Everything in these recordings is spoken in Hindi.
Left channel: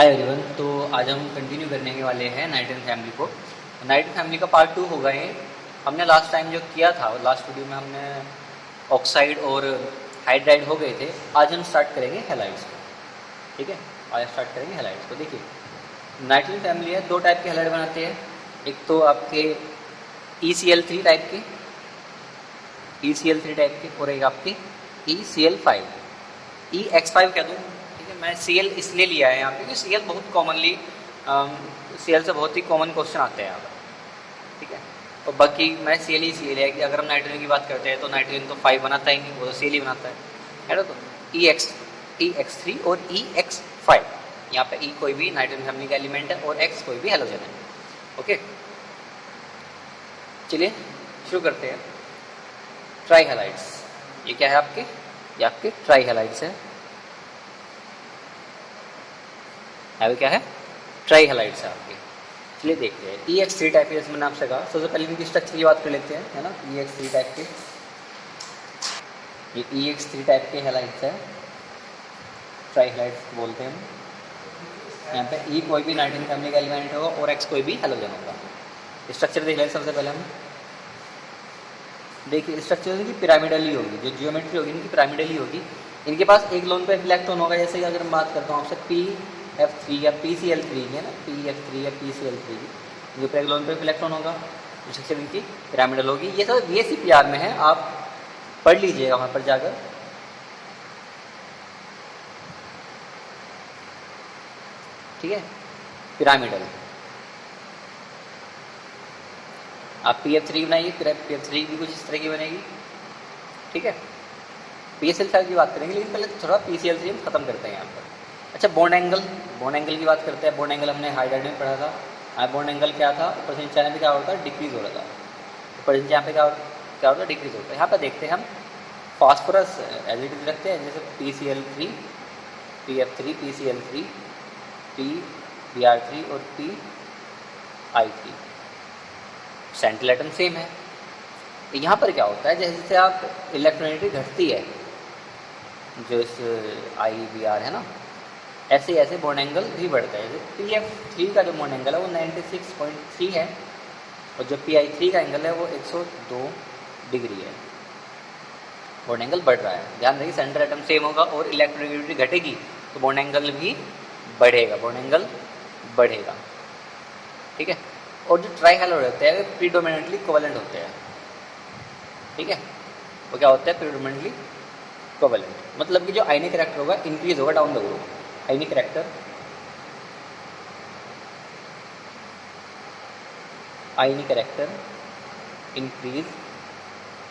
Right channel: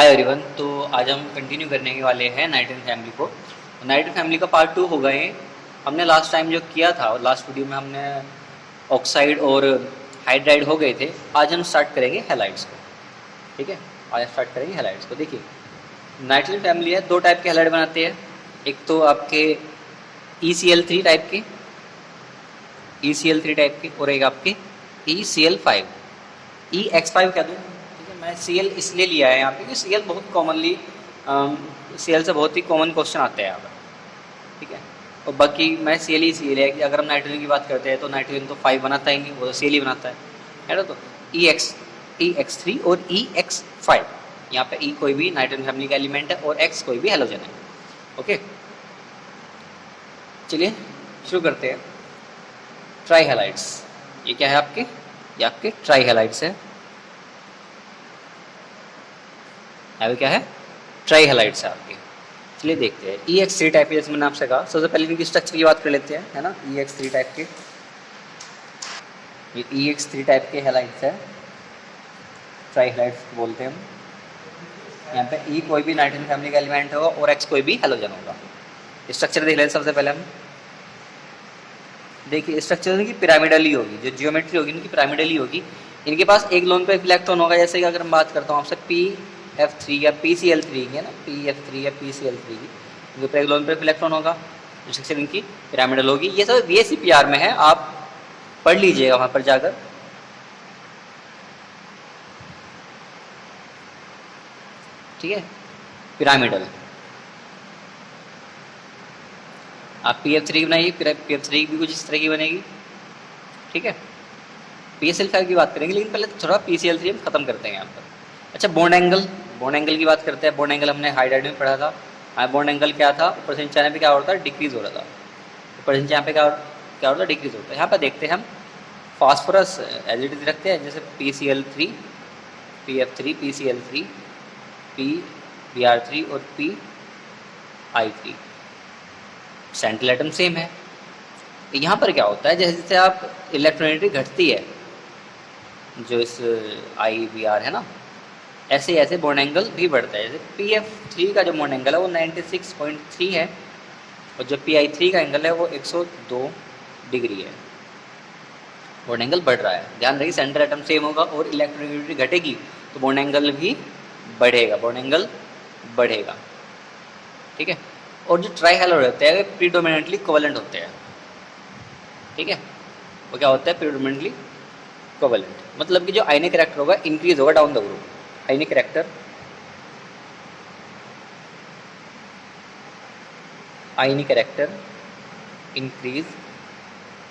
Hi everyone. तो आज हम कंटिन्यू करने वाले हैं नाइट्रोजन फैमिली को। नाइट्रोजन फैमिली का पार्ट 2 होगा ये। हमने लास्ट टाइम जो किया था, लास्ट वीडियो में हमने ऑक्साइड और हाइड्राइड हो गए थे। आज हम स्टार्ट करेंगे हैलाइड्स को। ठीक है, आज स्टार्ट करेंगे हैलाइड्स को। देखिए, नाइट्रोजन फैमिली है, दो टाइप के हैलाइड बनाते हैं। एक तो आपके ECl3 टाइप के, ECl3 टाइप के, और एक आपके ECl5, EX5 कह दूँ। मैं Cl इसलिए लिया है यहाँ पे कि Cl बहुत कॉमनली Cl से बहुत ही कॉमन क्वेश्चन आते हैं यहाँ पर। ठीक है, और बाकी मैं Cl इसलिए लिया कि अगर हम नाइट्रोजन की बात करते हैं तो नाइट्रोजन तो 5 बनाता ही नहीं, वो तो Cl ही बनाता है ना। तो EX3 और EX5, यहाँ पे E कोई भी नाइट्रोजन फैमिली का एलिमेंट है और X कोई भी हैलोजन है। ओके, चलिए शुरू करते हैं। ट्राई हैलाइड्स, ये क्या है आपके? ये आपके ट्राई हैलाइड्स है। क्या है? ट्राई हैलाइड्स है आपके। चलिए देखते हैं। EX3 टाइप के, जैसे मैंने आपसे कहा, सबसे पहले इनकी स्ट्रक्चर की बात कर लेते हैं, है ना। EX3 टाइप के, ये EX3 टाइप के हैलाइड्स है, ट्राई हैलाइड्स बोलते हैं हम। यहाँ पे E कोई भी नाइट्रोजन फैमिली का एलिमेंट होगा और X कोई भी हैलोजन होगा। स्ट्रक्चर देख लेते हैं सबसे पहले हम। देखिए, स्ट्रक्चर इनकी पिरामिडली होगी, जो जियोमेट्री होगी इनकी पिरामिडली होगी। इनके पास एक लोन पे इलेक्ट्रॉन होगा। जैसे कि अगर मैं बात करता हूँ आपसे PF3 या PCl3 है ना, PF3 या PCl3 की, इनके ऊपर एक लोन पे इलेक्ट्रॉन होगा। स्ट्रक्चर इनकी पिरामिडल होगी। ये सब VSEPR में है, आप पढ़ लीजिएगा वहाँ पर जाकर। ठीक है, पिरामिडल। आप PF3 बनाइए, PF3 भी कुछ इस तरह की बनेगी। ठीक है, PCl5 की बात करेंगे, लेकिन पहले थोड़ा PCl3 हम खत्म करते हैं यहाँ पर। अच्छा, बॉन्ड एंगल, बॉन्ड एंगल की बात करते हैं। बॉन्ड एंगल हमने हाइड्राइड में पढ़ा था। बॉन्ड एंगल क्या था? ऊपर से नीचे आने पे क्या होता है? डिक्रीज हो रहा था। ऊपर से नीचे यहाँ पे क्या होता है? डिक्रीज होता है। यहाँ पर देखते हैं हम फास्फोरस एज इट इज रखते हैं, जैसे PCl3, PF3, PCl3, PBr3 और PI3। सेंट्रल एटम सेम है। यहाँ पर क्या होता है? जैसे जैसे आप इलेक्ट्रोनेगेटिविटी घटती है, जो इस IBr है ना, ऐसे ऐसे बॉन्ड एंगल भी बढ़ता है। जैसे PF3 का जो बॉन्ड एंगल है वो 96.3 है, और जो PI3 का एंगल है वो 102 डिग्री है। बॉन्ड एंगल बढ़ रहा है। ध्यान रखिए, सेंट्रल एटम सेम होगा और इलेक्ट्रोनेगेटिविटी घटेगी तो बॉन्ड एंगल भी बढ़ेगा, बॉन्ड एंगल बढ़ेगा। ठीक है, और जो ट्राई हैलाइड होते हैं वे प्रीडोमिनेंटली कोवेलेंट होते हैं। ठीक है, वो क्या होता है? प्रीडोमिनेंटली कोवेलेंट, मतलब कि जो आयनिक कैरेक्टर होगा इंक्रीज होगा down the group. Ionic character increase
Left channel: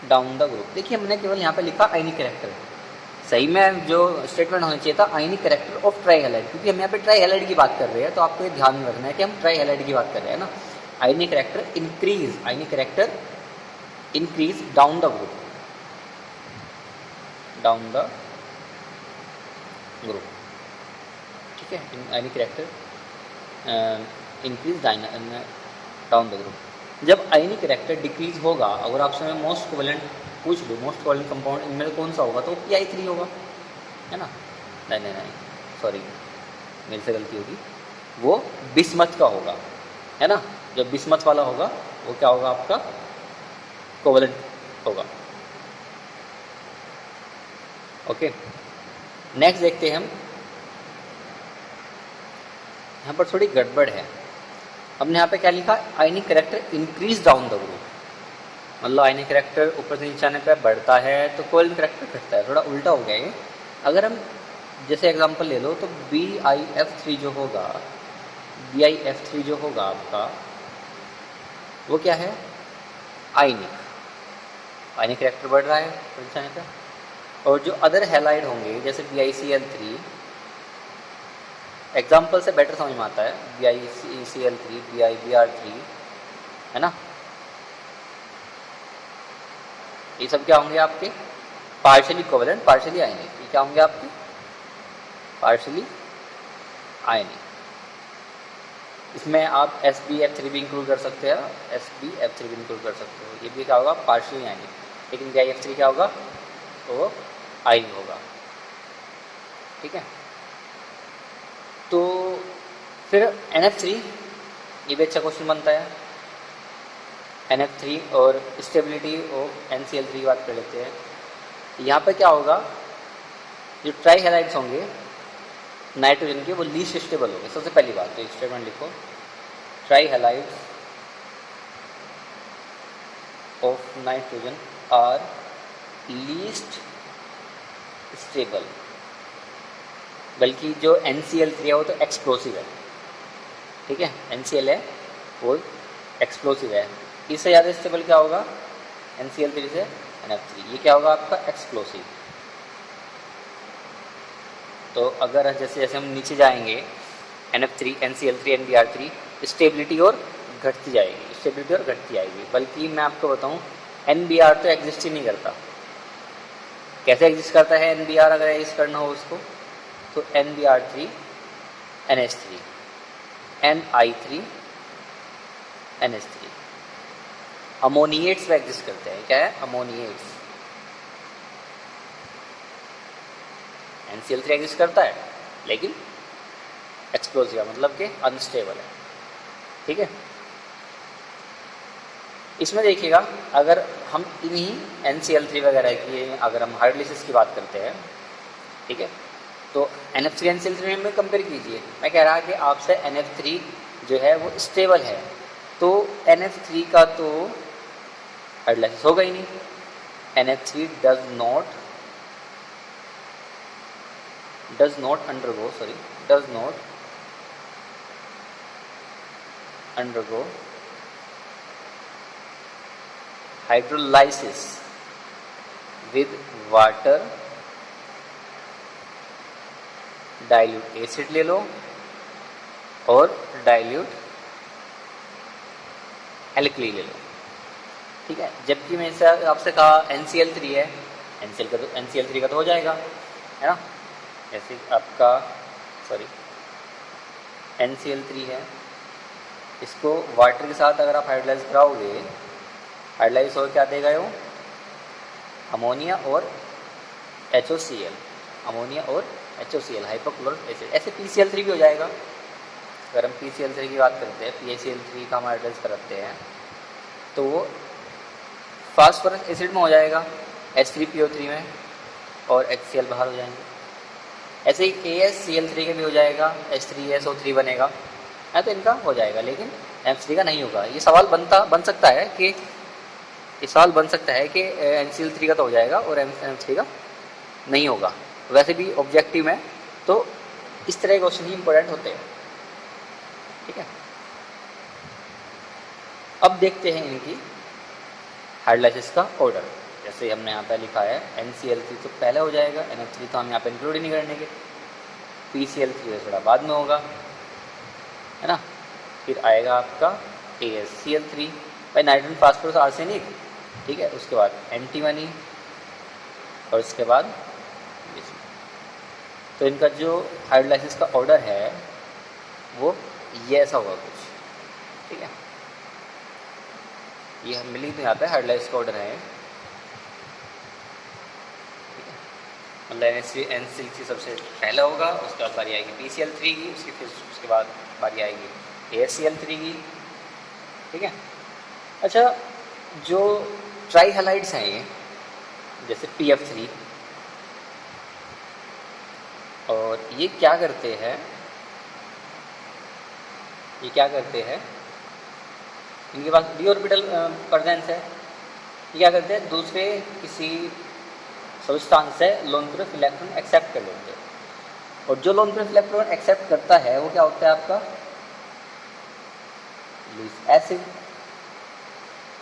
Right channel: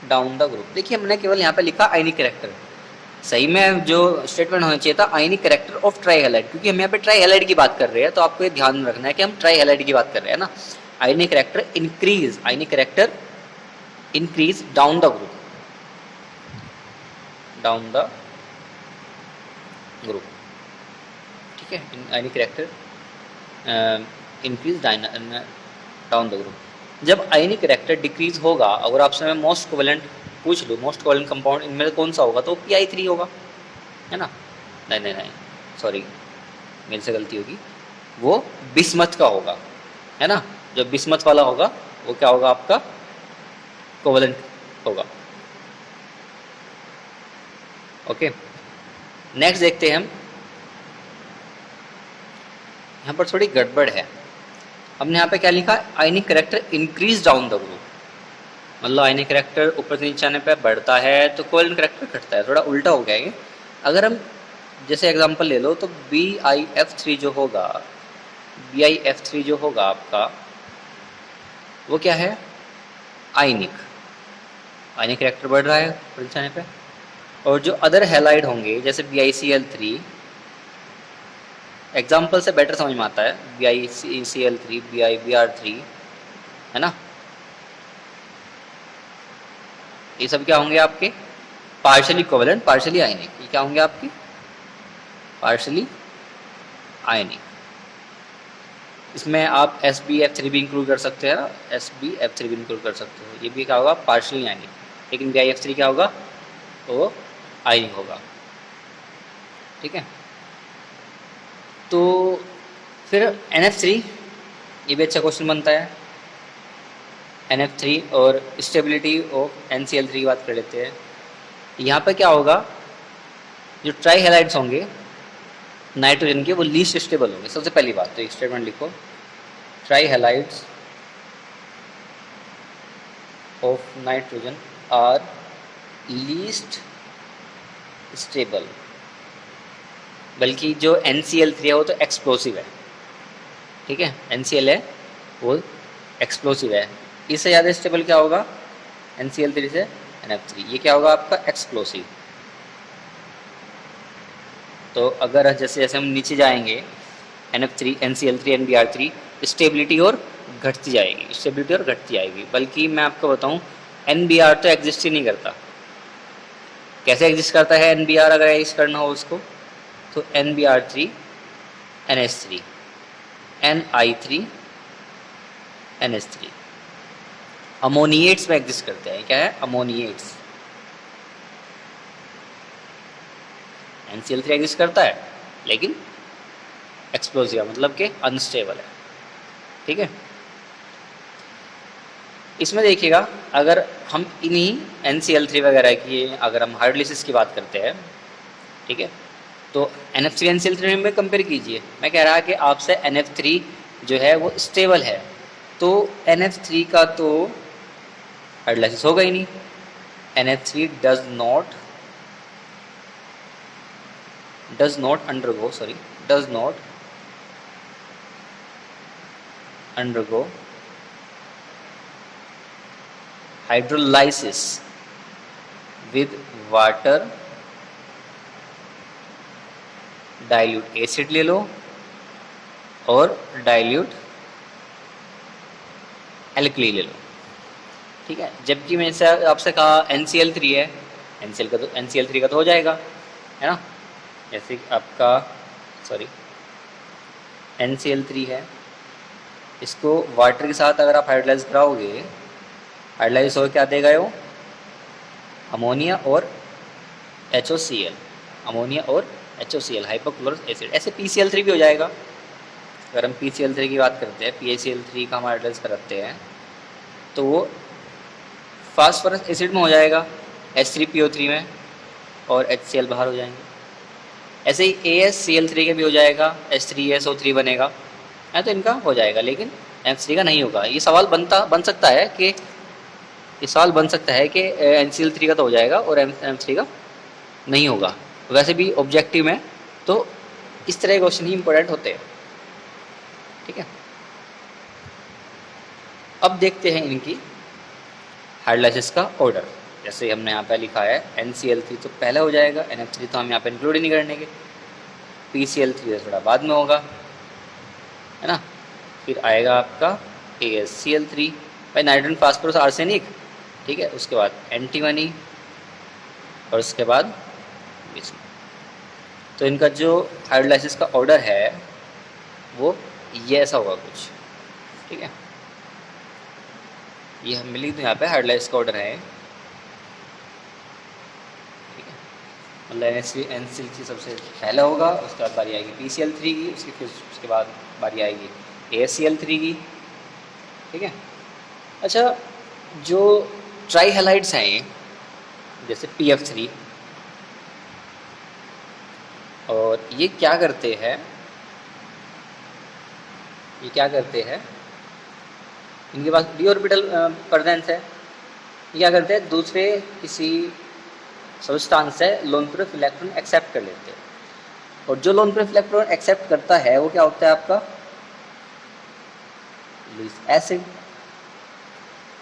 down the group. देखिए, हमने केवल यहाँ पे लिखा आयनिक कैरेक्टर। सही में जो स्टेटमेंट होना चाहिए था आयनिक कैरेक्टर ऑफ ट्राई हैलाइड, क्योंकि हम यहाँ पे ट्राई हैलाइड की बात कर रहे हैं, तो आपको ये ध्यान रखना है कि हम ट्राई हैलाइड की बात कर रहे हैं ना। आयनिक character increase down the group, ठीक है। आयनिक character increase down the group. जब आयनिक कैरेक्टर डिक्रीज होगा, अगर आपसे मैं मोस्ट कोवेलेंट पूछ लूँ, मोस्ट कोवेलेंट कंपाउंड इनमें कौन सा होगा, तो PI3 होगा, है ना। नहीं, सॉरी, मेरे से गलती होगी, वो बिस्मथ का होगा, है ना। जो बिस्मथ वाला होगा वो क्या होगा? आपका कोवेलेंट होगा। ओके, नेक्स्ट देखते हैं हम। यहाँ पर थोड़ी गड़बड़ है। हमने यहाँ पे क्या लिखा? आयनिक character increase down the group, मतलब आयनिक कैरेक्टर ऊपर से नीचे आने पे बढ़ता है तो कोवेलेंट कैरेक्टर घटता है। थोड़ा उल्टा हो गया ये। अगर हम जैसे एग्जांपल ले लो तो BIF3 जो होगा आपका, वो क्या है? आयनिक कैरेक्टर बढ़ रहा है ऊपर नीचे आने पे। और जो अदर हैलाइड होंगे जैसे BiCl3, एग्जाम्पल से बेटर समझ में आता है, BiCl3, BiBr3, है ना। ये सब क्या होंगे आपके? पार्शियली कोवेलेंट, पार्शियली आयनिक। ये क्या होंगे आपके? पार्शियली आयनिक। इसमें आप SbF3 भी इंक्लूड कर सकते हैं ना, SbF3 भी इंक्लूड कर सकते हो। ये भी क्या होगा? पार्शियली आयनिक। लेकिन BiF3 क्या होगा? तो आयनिक होगा। ठीक है, तो फिर NF3, ये भी अच्छा क्वेश्चन बनता है। NF3 और स्टेबिलिटी ऑफ NCl3 की बात कर लेते हैं। यहाँ पर क्या होगा, जो ट्राई हैलाइड्स होंगे नाइट्रोजन के वो लीस्ट स्टेबल होंगे। सबसे पहली बात तो एक स्टेटमेंट लिखो, trihalides of nitrogen are least stable. बल्कि जो NCl3 है वो तो एक्सप्लोसिव है, ठीक है, NCl है वो एक्सप्लोसिव है। इससे ज़्यादा स्टेबल क्या होगा, NCl3 से NF3, ये क्या होगा आपका एक्सप्लोसिव। तो अगर जैसे जैसे हम नीचे जाएंगे NF3, NCl3, NBr3, स्टेबिलिटी और घटती जाएगी, स्टेबिलिटी और घटती जाएगी। बल्कि मैं आपको बताऊं NBr तो एग्जिस्ट ही नहीं करता। कैसे एग्जिस्ट करता है NBr, अगर एग्जिस्ट करना हो उसको, तो NBr3 NH3 Ni3 NH3 अमोनिएट्स में एग्जिस्ट करते हैं। क्या है, अमोनिएट्स। NCl3 एग्जिस्ट करता है लेकिन एक्सप्लोसिव, मतलब कि अनस्टेबल है, ठीक है। इसमें देखिएगा, अगर हम इन्हीं NCl3 वगैरह की अगर हम हाइड्रोलिसिस की बात करते हैं, ठीक है, तो NF3 NCl3 में कंपेयर कीजिए। मैं कह रहा कि आपसे NF3 जो है वो स्टेबल है, तो NF3 का तो हाइड्रोलाइसिस होगा ही नहीं। NF3 does not undergo hydrolysis with water, dilute acid ले लो और डाइल्यूट एल्कली ले लो, ठीक है। जबकि मैंने आपसे कहा NCl3 है, NCl3 का तो हो जाएगा, है ना। जैसे आपका NCl3 है, इसको वाटर के साथ अगर आप हाइड्रोलाइज कराओगे, हाइड्रोलाइज हो क्या देगा वो, अमोनिया और HOCl, अमोनिया और HOCl, हाइपोक्लोरिक एसिड। ऐसे PCl3 भी हो जाएगा। अगर हम PCl3 की बात करते हैं, PaCl3 का हम हाइड्रोलाइज कराते हैं तो वो फास्फोरस एसिड में हो जाएगा H3PO3 में, और HCl बाहर हो जाएंगे। ऐसे ही AsCl3 के भी हो जाएगा, H3SO3 बनेगा, है, तो इनका हो जाएगा, लेकिन NF3 का नहीं होगा। ये सवाल बन सकता है कि NCl3 का तो हो जाएगा और NF3 का नहीं होगा। वैसे भी ऑब्जेक्टिव में तो इस तरह के क्वेश्चन ही इंपॉर्टेंट होते हैं, ठीक है। अब देखते हैं इनकी हाइड्रोलाइसिस का ऑर्डर। जैसे हमने यहाँ पे लिखा है NCl3 तो पहले हो जाएगा, NF3 तो हम यहाँ पे इंक्लूड ही नहीं करेंगे, PCl3 तो थोड़ा बाद में होगा, है ना। फिर आएगा आपका AsCl3, भाई नाइट्रोजन फास्फोरस आर्सेनिक, ठीक है। उसके बाद एंटीमनी और उसके बाद विष्णु। तो इनका जो हाइड्रोलाइसिस का ऑर्डर है वो ये ऐसा होगा कुछ, ठीक है। ये हम मिली तो यहाँ पे हाइड्रोलाइसिस का ऑर्डर है, ठीक है। मतलब NCl3 सबसे पहले होगा, उसके बाद बारी आएगी PCl3 की, उसके बाद बारी आएगी AsCl3 की, ठीक है। अच्छा, जो ट्राई हैलाइड्स हैं जैसे PF3, और ये क्या करते हैं, इनके पास d ऑर्बिटल प्रेजेंस है। ये क्या करते हैं, दूसरे किसी सब्सटेंस से लोन प्रूफ इलेक्ट्रॉन एक्सेप्ट कर लेते हैं, और जो लोन प्रूफ इलेक्ट्रॉन एक्सेप्ट करता है वो क्या होता है आपका, लुईस एसिड,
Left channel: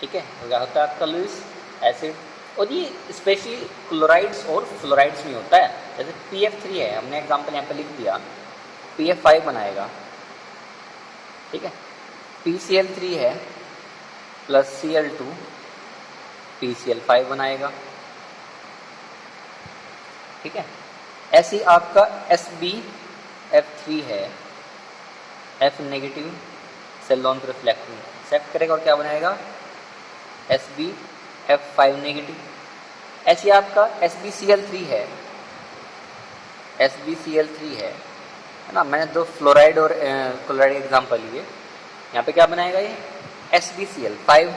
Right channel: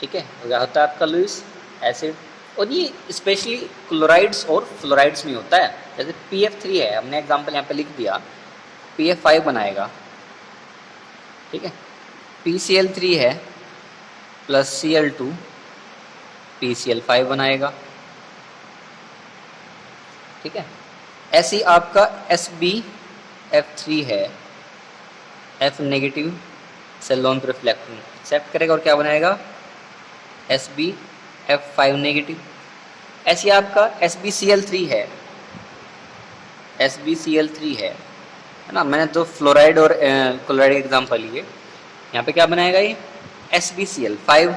ठीक है। वो क्या होता है आपका, लुईस एसिड। और ये स्पेशली क्लोराइड्स और फ्लोराइड्स में होता है। जैसे PF3 है, हमने एग्जांपल यहाँ पे लिख दिया, PF5 बनाएगा, ठीक है। PCl3 है प्लस Cl2 PCl5 बनाएगा, ठीक है। ऐसे ही आपका SbF3 है, F नेगेटिव से लोन प्रूफ इलेक्ट्रॉन एक्सेप्ट करेगा और क्या बनाएगा, SbF5 नेगेटिव। ऐसे आपका SbCl3 है, है ना। मैंने दो फ्लोराइड और क्लोराइड का एग्जाम्पल लिए। यहाँ पे क्या बनाएगा ये SbCl5,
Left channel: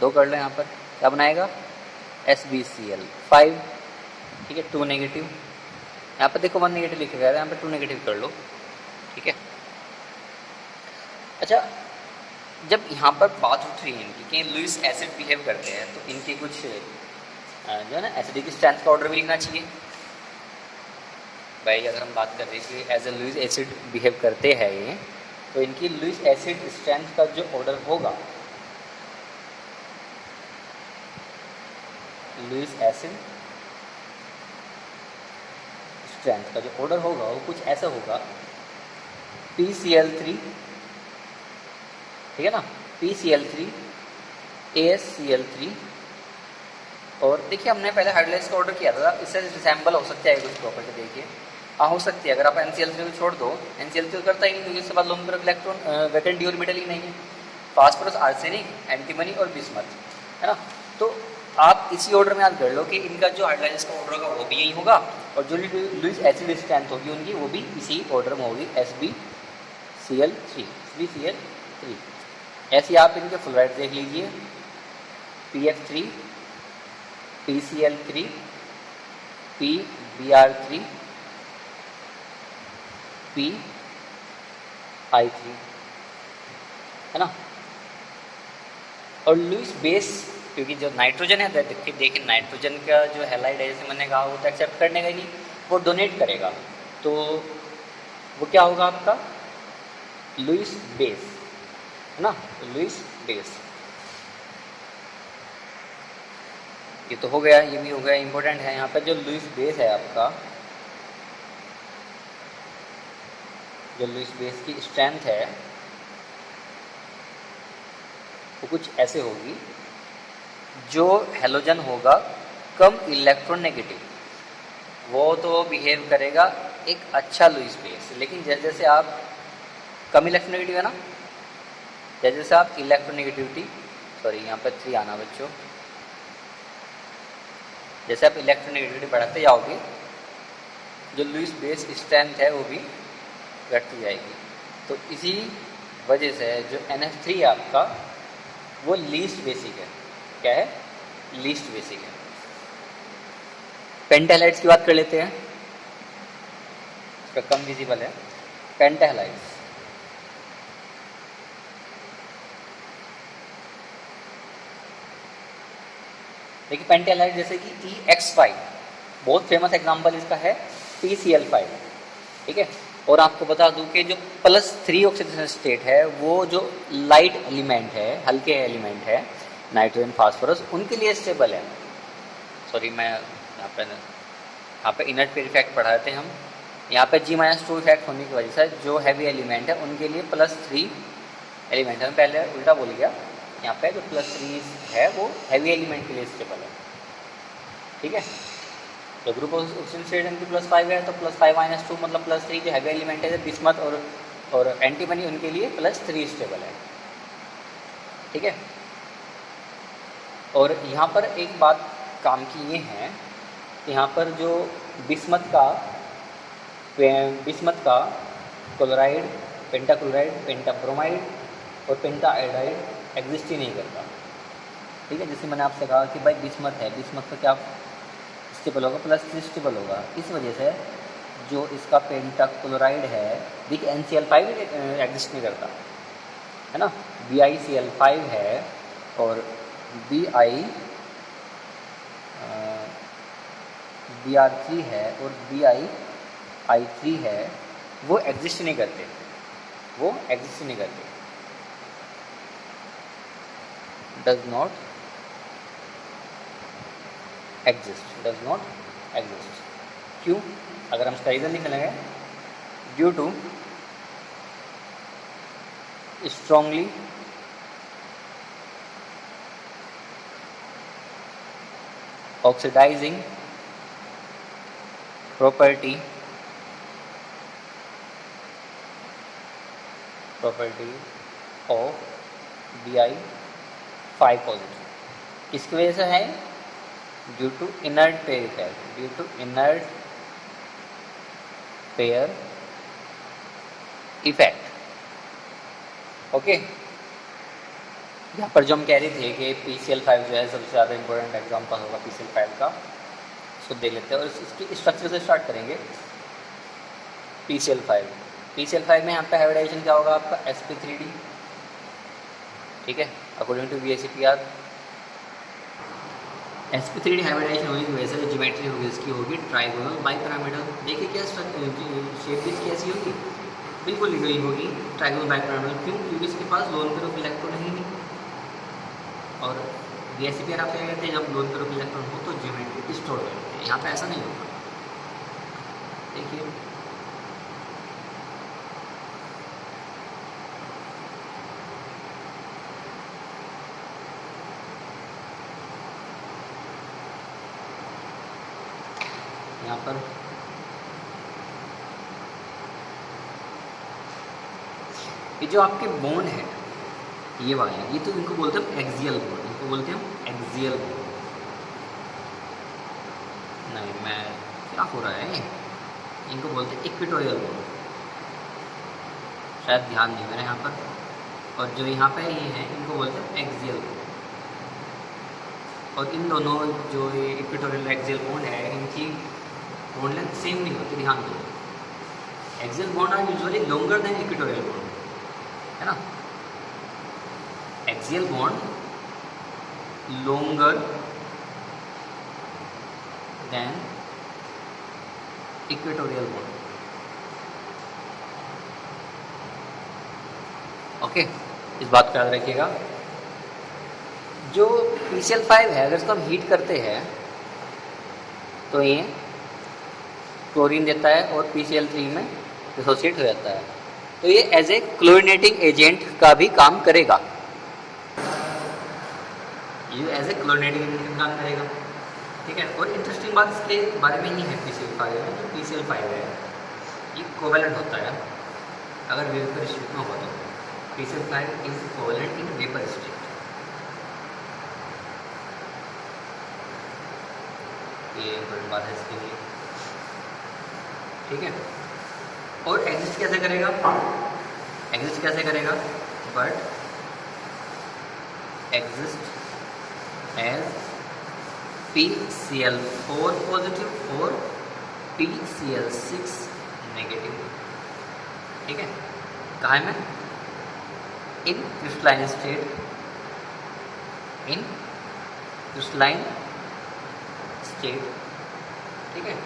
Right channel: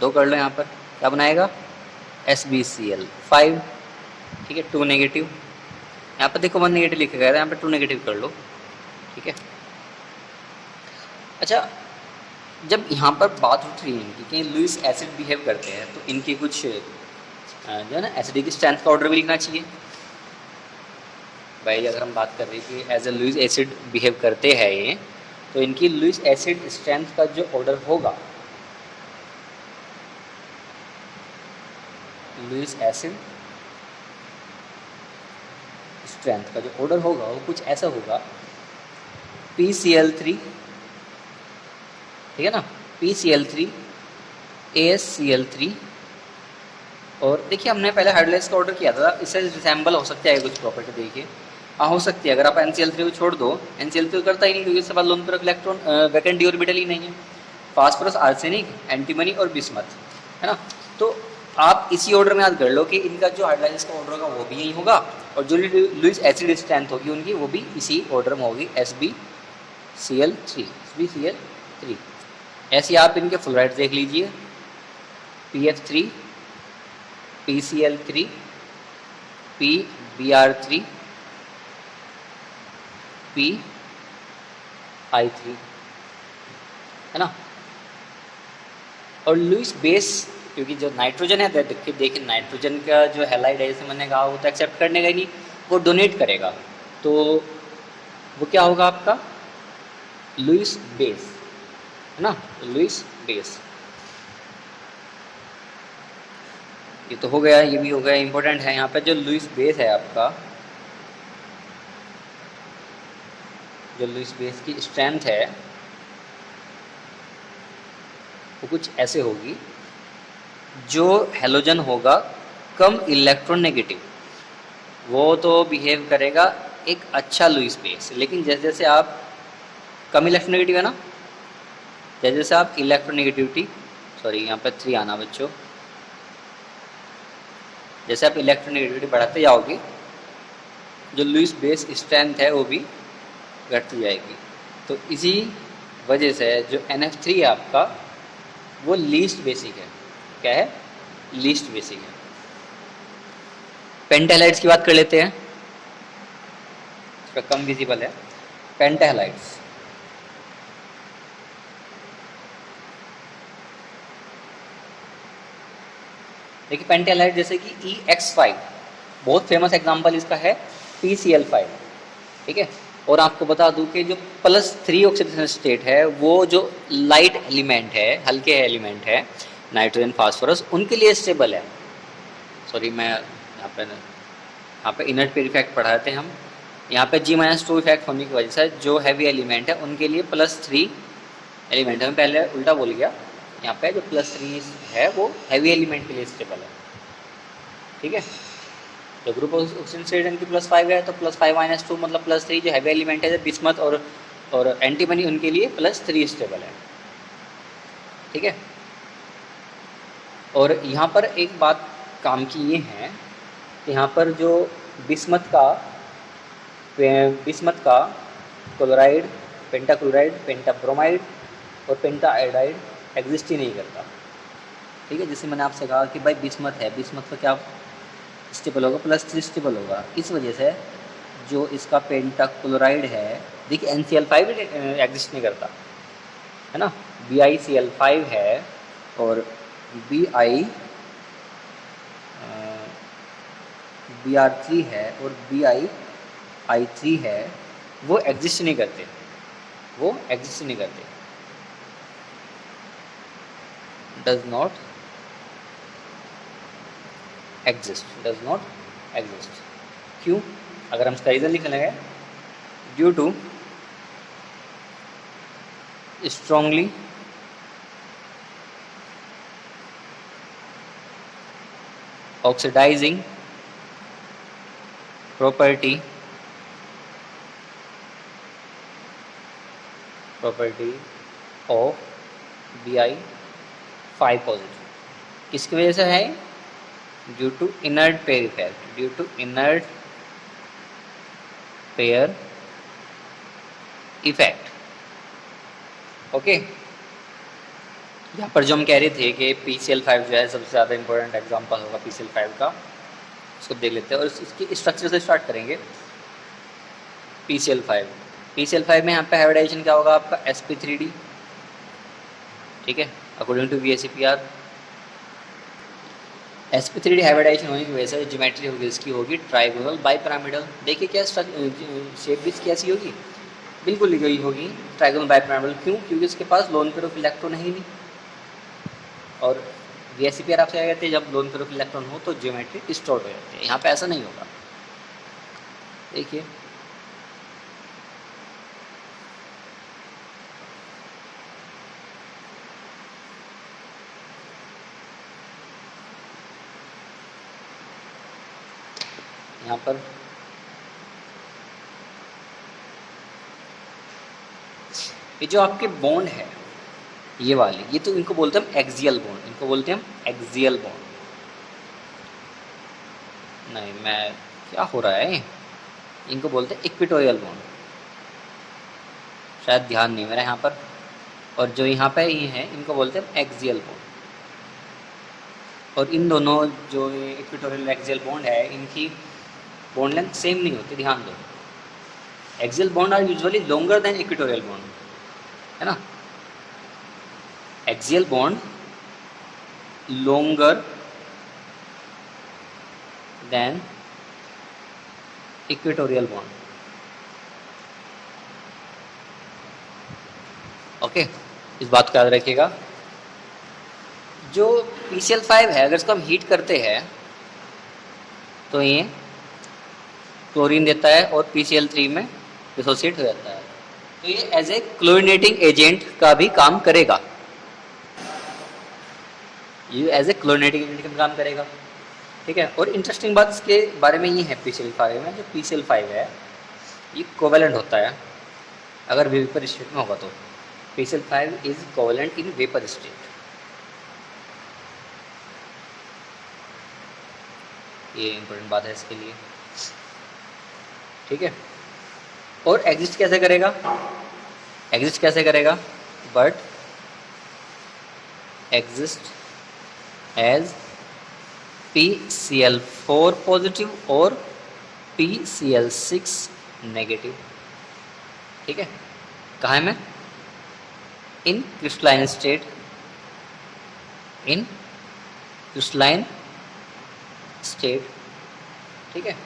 दो कर लो यहाँ पर, क्या बनाएगा SbCl5, ठीक है, 2 नेगेटिव। यहाँ पर देखो 1 नेगेटिव लिखा गया था, यहाँ पर 2 नेगेटिव कर लो, ठीक है। अच्छा, जब यहाँ पर बात उठ रही है इनकी कि लुईस एसिड बिहेव करते हैं, तो इनकी कुछ जो है ना एसिडिक स्ट्रेंथ का ऑर्डर भी लिखना चाहिए भाई। अगर हम बात कर रहे हैं कि as a Lewis acid behave करते हैं ये, तो इनकी लुईस एसिड स्ट्रेंथ का जो ऑर्डर होगा, लुईस एसिड स्ट्रेंथ का जो ऑर्डर होगा वो कुछ ऐसा होगा PCl3, ठीक है ना, PCl3 AsCl3। और देखिए हमने पहले हाइड्रोलाइज का ऑर्डर किया था, इससे रिसेंबल हो सकता है कुछ प्रॉपर्टी, देखिए हाँ हो सकती है। अगर आप NCl3 को छोड़ दो, NCl3 करता ही नहीं क्योंकि इसके बाद लोन पर इलेक्ट्रॉन वैकेंट डी ऑर्बिटल ही नहीं है। फास्फोरस, आर्सेनिक, एंटीमनी और बिस्मथ, है ना। तो आप इसी ऑर्डर में याद कर लो कि इनका जो हाइड्रोलाइज का ऑर्डर होगा वो भी यही होगा, और जो लुईस एसिड स्ट्रेंथ होगी उनकी वो भी इसी ऑर्डर में होगी, SbCl3। ऐसे आप इनके फ्लोराइड देख लीजिए, PF3, PCl3, PBr3, PI3, है ना। और लुईस बेस, क्योंकि जो नाइट्रोजन है, देखिए नाइट्रोजन का जो हैलाइड है, जैसे मैंने कहा, वो तो एक्सेप्ट करने का ही नहीं, वो डोनेट करेगा, तो वो क्या होगा आपका लुईस बेस, है ना, लुईस बेस। ये तो हो गया, ये भी हो गया, इंपॉर्टेंट है यहाँ पे जो लुईस बेस है आपका, जो लुईस बेस की स्ट्रेंथ है वो कुछ ऐसे होगी। जो हेलोजन होगा कम इलेक्ट्रॉन नेगेटिव, वो तो बिहेव करेगा एक अच्छा लुईस बेस, लेकिन जैसे जैसे आप कम इलेक्ट्रॉन नेगेटिव है ना, जैसे जैसे आप इलेक्ट्रॉन नेगेटिविटी, सॉरी यहाँ पर 3 आना बच्चों, जैसे आप इलेक्ट्रॉन नेगेटिविटी बढ़ाते जाओगे, जो लुईस बेस स्ट्रेंथ है वो भी घटती जाएगी। तो इसी वजह से जो NF3 है आपका, वो लीस्ट बेसिक है। क्या है? लीस्ट बेसिक है। पेंटालाइड्स की बात कर लेते हैं, इसका कम विजिबल है। पेंटालाइड्स, देखिए पेंटालाइड जैसे कि EX5, बहुत फेमस एग्जांपल इसका है PCl5, ठीक है। और आपको बता दूं कि जो +3 ऑक्सीडेशन स्टेट है, वो जो लाइट एलिमेंट है, हल्के एलिमेंट है, नाइट्रोजन, फास्फोरस, उनके लिए स्टेबल है। सॉरी, मैं यहाँ पे इनर्ट पेयर इफेक्ट पढ़ाए थे हम, यहाँ पे G-2 इफेक्ट होने की वजह से जो हैवी एलिमेंट है उनके लिए +3 एलिमेंट है, मैं पहले उल्टा बोल गया। यहाँ पे जो +3 है वो हैवी एलिमेंट के लिए स्टेबल है, ठीक है। जो ग्रुप ऑक्सीजन स्टेट इनकी +5 है, तो +5 - 2 मतलब +3, जो हैवी एलिमेंट है बिस्मथ और एंटीमनी, उनके लिए +3 स्टेबल है, ठीक है। और यहाँ पर एक बात काम की ये है कि यहाँ पर जो बिस्मथ का क्लोराइड, पेंटाक्लोराइड, पेंटाब्रोमाइड और पेंटाआयोडाइड एग्जिस्ट ही नहीं करता, ठीक है। जैसे मैंने आपसे कहा कि भाई बिस्मथ है, बिस्मथ का क्या स्टेबल होगा, +3 स्टेबल होगा। इस वजह से जो इसका पेंटाक्लोराइड है, देखिए NCl5 एग्जिस्ट नहीं करता, है ना, BiCl5 है, और Br3 है और BiI3 है, वो एग्जिस्ट नहीं करते, वो एग्जिस्ट नहीं करते, डज नॉट एग्जिस्ट। क्यों? अगर हम इसका रीजन लिखने लगे, due to strongly oxidising property of Bi5 positive. किसकी वजह से है? Due to inert pair effect, due to inert pair effect. Okay, यहाँ पर जो हम कह रहे थे कि PCl5 जो है सबसे ज़्यादा इंपॉर्टेंट एग्जाम्पल होगा PCl5 का, उसको देख लेते हैं और इसकी स्ट्रक्चर से स्टार्ट करेंगे। PCl5 में यहाँ पे हाइब्रिडाइजेशन क्या होगा आपका sp3d, ठीक है, according to VSEPR। sp3d hybridisation होने की वजह से जो ज्योमेट्री होगी इसकी होगी ट्राइगोनल बाइपिरामिडल। देखिए क्या शेप भी कैसी होगी, बिल्कुल यही होगी ट्राइगोनल बाइपिरामिडल। क्यों? क्योंकि इसके पास लोन पेयर ऑफ इलेक्ट्रॉन है ही नहीं। और VSEPR आपसे क्या कहते हैं, जब लोन पेयर ऑफ इलेक्ट्रॉन हो तो ज्योमेट्री स्टोर हो जाती है। यहाँ पे ऐसा नहीं होगा। देखिए यहाँ पर ये जो आपके बॉन्ड है ये वाले, ये तो इनको बोलते हैं एक्सियल बॉन्ड, इनको बोलते हैं एक्सियल बॉन्ड। नहीं, मैं क्या हो रहा है, इनको बोलते हैं इक्वेटोरियल बॉन्ड, शायद ध्यान नहीं मेरा यहाँ पर। और जो यहाँ पे ये है इनको बोलते हैं एक्सियल बॉन्ड। और इन दोनों जो ये इक्वेटोरियल एक्सियल बॉन्ड है इनकी बॉन्ड लेंथ सेम नहीं होती, ध्यान दो। Axial bond are usually longer than equatorial bond, है ना। Axial bond longer than equatorial bond. Okay, इस बात को याद रखिएगा। जो PCl5 है अगर इसको हम हीट करते हैं तो ये क्लोरीन देता है और PCl3 में डिसोसिएट हो जाता है। तो ये एज ए क्लोरीनेटिंग एजेंट का भी काम करेगा, ये एज ए क्लोरीनेटिंग एजेंट का काम करेगा, ठीक है। और इंटरेस्टिंग बात इसके बारे में ये है PCl5 में, जो PCl5 है ये कोवेलेंट होता है अगर वेपर स्टेट में होगा तो। PCl5 is covalent in vapour state. ये इंपॉर्टेंट बात है इसके लिए, ठीक है। और एग्जिस्ट कैसे करेगा, एग्जिस्ट कैसे करेगा, but exist as PCl4 positive और PCl6 नेगेटिव, ठीक है। कहाँ में, इन क्रिस्टलाइन स्टेट, इन क्रिस्टलाइन स्टेट, ठीक है।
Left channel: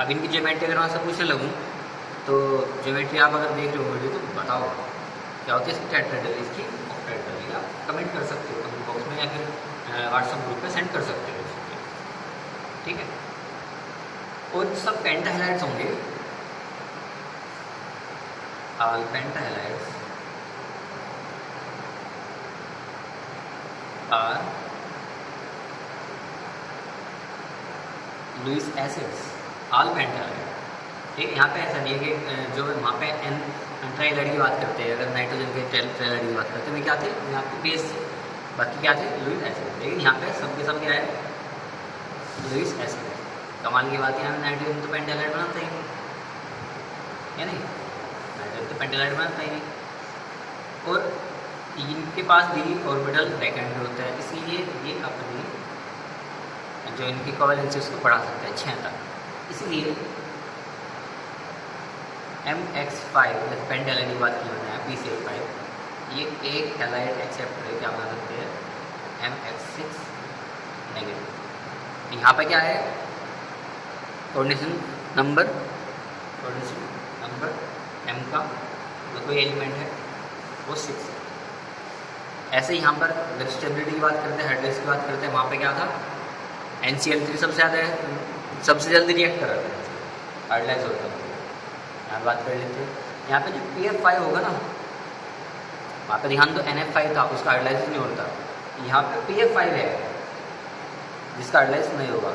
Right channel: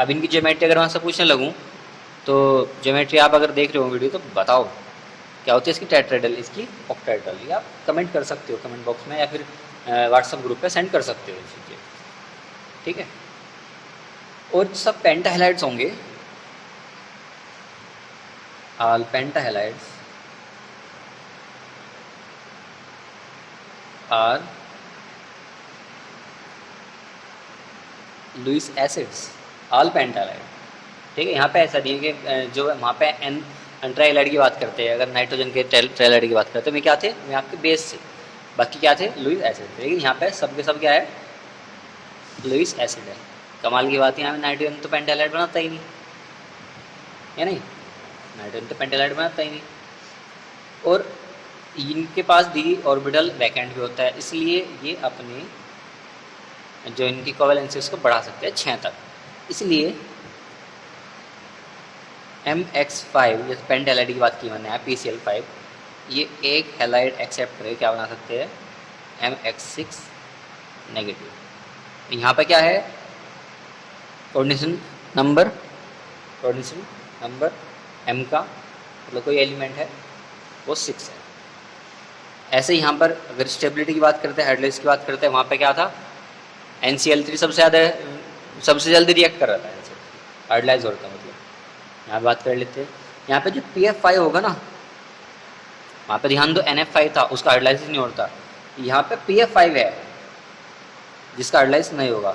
अब इनकी ज्योमेट्री अगर मैं आपसे पूछने लगूं तो ज्योमेट्री आप अगर देख रहे हो वीडियो तो बताओ क्या होती है इसकी टेट्राहेड्रल, इसकी ऑक्टाहेड्रल, या कमेंट कर सकते हो कमेंट बॉक्स में या फिर व्हाट्सएप ग्रुप पे सेंड कर सकते हो, ठीक है। और सब पेंटाहेलाइड्स होंगे, all pentahalides are Lewis acids, all pentahalide, ठीक है। यहाँ पे ऐसा दिए कि जो वहाँ पे एन ट्राइहाइलाइड की बात करते हैं, अगर नाइट्रोजन के ट्राइहाइलाइड की बात करते हैं, मैं क्या थे, मैं आपके बेस से, बाकी क्या थे लुईस एसिड। लेकिन यहाँ पे सब के सब क्या है, लुईस एसिड है। कमाल की बात है, यहाँ पे नाइट्रोजन तो पेंटाहेलाइड बनाता ही नहीं है, नहीं, नाइट्रोजन तो पेंटाहेलाइड बनाता ही नहीं। और इनके पास डी ऑर्बिटल वैकेंट भी होता है, इसलिए ये अपने जो इनकी कोवेलेंसी उसको बढ़ा सकते हैं 6 तक। इसलिए MX5 जैसे पेंटाहेलाइड की बात की मैंने PCl5, ये एक हेलाइड एक्सेप्ट करके क्या बना सकते हैं MX6 नेगेटिव। यहाँ पर क्या है, कोऑर्डिनेशन नंबर M का मतलब कोई एलिमेंट है वो 6 है। ऐसे यहाँ पर अगर स्टेबिलिटी की बात करते हैं, हाइड्रोलाइज की बात करते हैं, वहाँ पे क्या था NCl3 सबसे जल्दी रिएक्ट कर रहा था, हाइड्रोलाइज होता है। यहाँ बात कर लेते हैं, यहाँ पे जो PF5 होगा ना, वहाँ पे ध्यान दो NF5 था, उसका हाइड्रोलाइज नहीं होता। यहाँ पे PF5 है जिसका हाइड्रोलाइज नहीं होगा,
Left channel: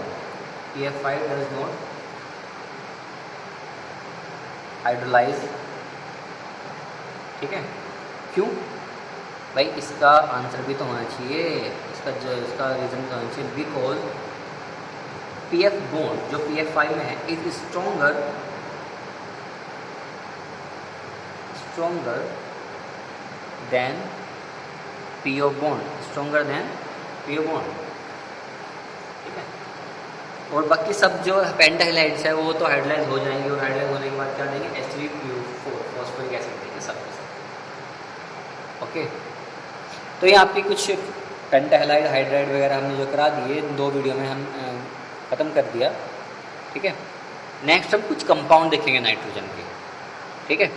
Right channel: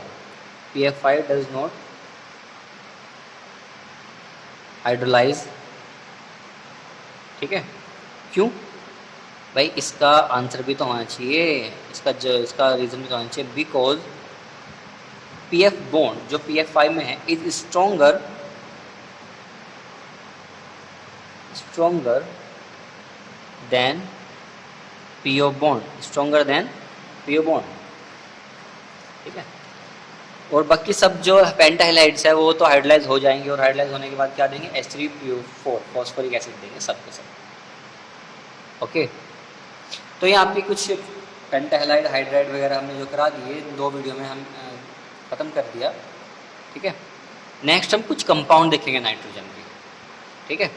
PF5 डज नॉट हाइड्रोलाइज, ठीक है। क्यों भाई, इसका आंसर भी तो होना चाहिए, इसका रीज़न भी तो होना चाहिए, बिकॉज PF बॉन्ड जो PF5 में है is stronger stronger then PO bond, stronger then PO bond, ठीक है। और बाकी सब जो पेंटा हैलाइड्स है वो तो हाइड्रोलाइज हो जाएंगे, और हाइड्रोलाइज होने के बाद क्या देंगे, H3PO4 फॉस्फोरिक एसिड देंगे सब के सब। ओके, तो ये आपकी कुछ पेंटा हैलाइड हाइड्राइड वगैरह हमने जो करा दिए 2 वीडियो में हम ख़त्म कर दिया, ठीक है। नेक्स्ट हम कुछ कंपाउंड देखेंगे नाइट्रोजन के, ठीक है।